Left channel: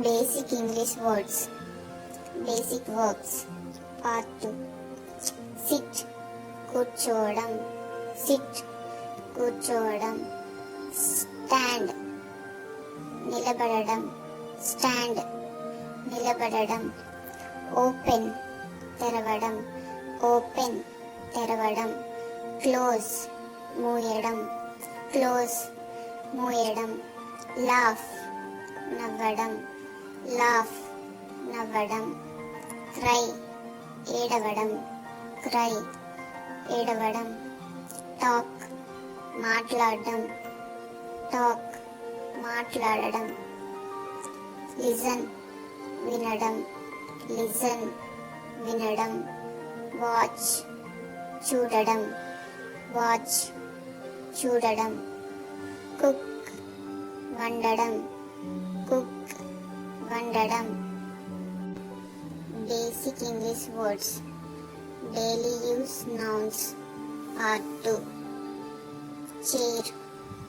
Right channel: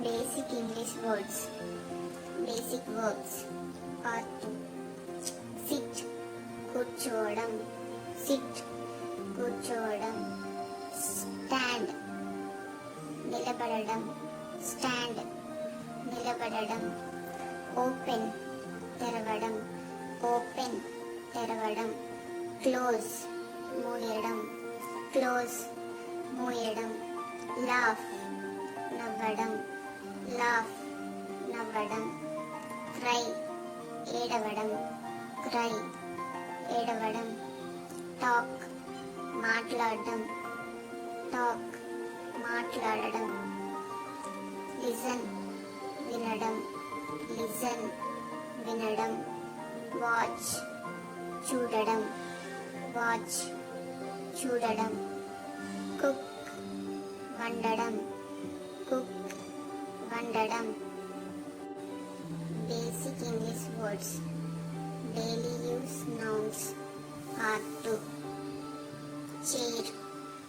Basic English words basic verbs part two sit కూర్చోవడం sit కూర్చోవడం stand నిలబడడం stand నిలబడడం ఓపెన్ తెరవడం ఓపెన్ తెరవడం క్లోజ్ మూయడం క్లోజ్ మూయడం లాఫ్ నవ్వడం లాఫ్ నవ్వడం క్రై ఏడవడం క్రై ఏడవడం టాక్ మాట్లాడడం టాక్ మాట్లాడడం లిజన్ వినడం లిజన్ వినడం వాచ్ చూడడం వాచ్ చూడడం కుక్ వండడం కుక్ ఉండడం. Basic English words daily use nouns part two chair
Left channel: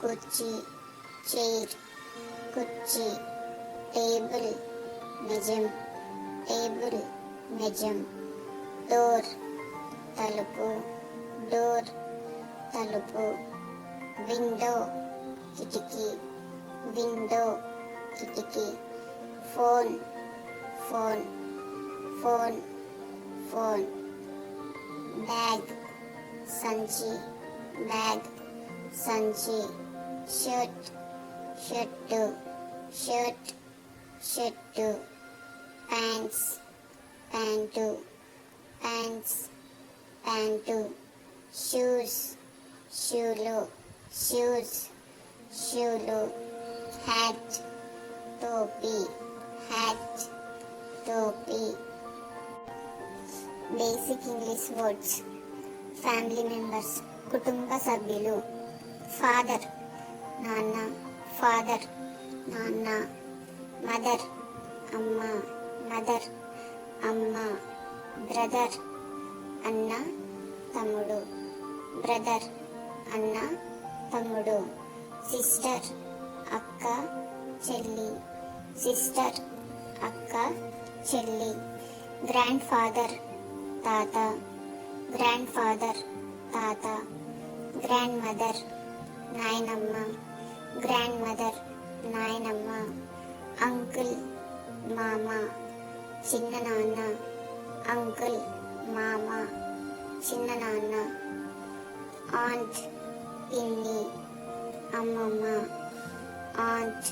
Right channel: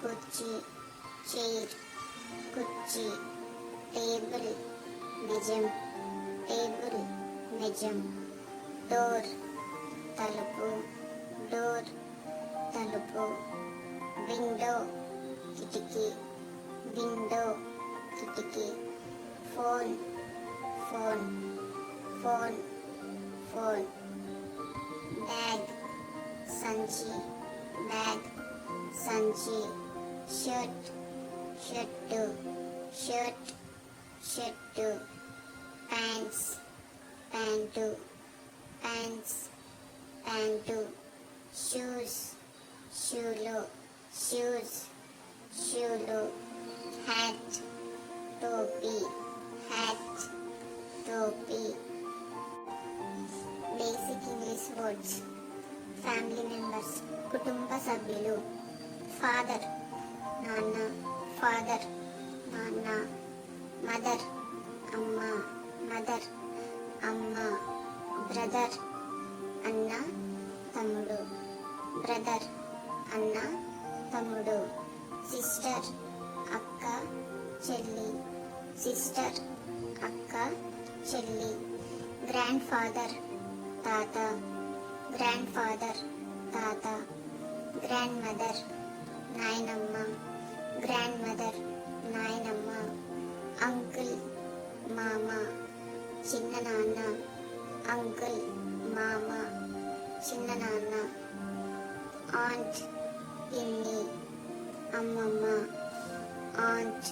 కుర్చీ చైర్ కుర్చీ టేబుల్ నిజం టేబుల్ నిజం డోర్ తలుపు డోర్ తలుపు విండో కిటికీ విండో కిటికీ Phone, phone, phone, phone. Bad, Sanji. bad, Sanji. Shoot, shoot two. shoot, shoot two. Pants, pant two. pants, pant two. Shoes, shoe look. shoes, shoe look. Hat, topi. Hat టోపీ basic English words family members కుటుంబ సభ్యులు father నాన్న father నాన్న mother అమ్మ mother అమ్మ brother అన్న తమ్ముడు brother అన్న తమ్ముడు సిస్టర్ అక్క చెల్లి సిస్టర్ అక్క చెల్లి గ్రాండ్ ఫాదర్ తాత గ్రాండ్ ఫాదర్ తాత గ్రాండ్ మదర్ నాయనమ్మ గ్రాండ్ మదర్ నాయనమ్మ అంకుల్ మామ చిన్న నాన్న అంకుల్ మామ చిన్న నాన్న ఆంట్ ఇన్ని అమ్మమ్మ ఆంట్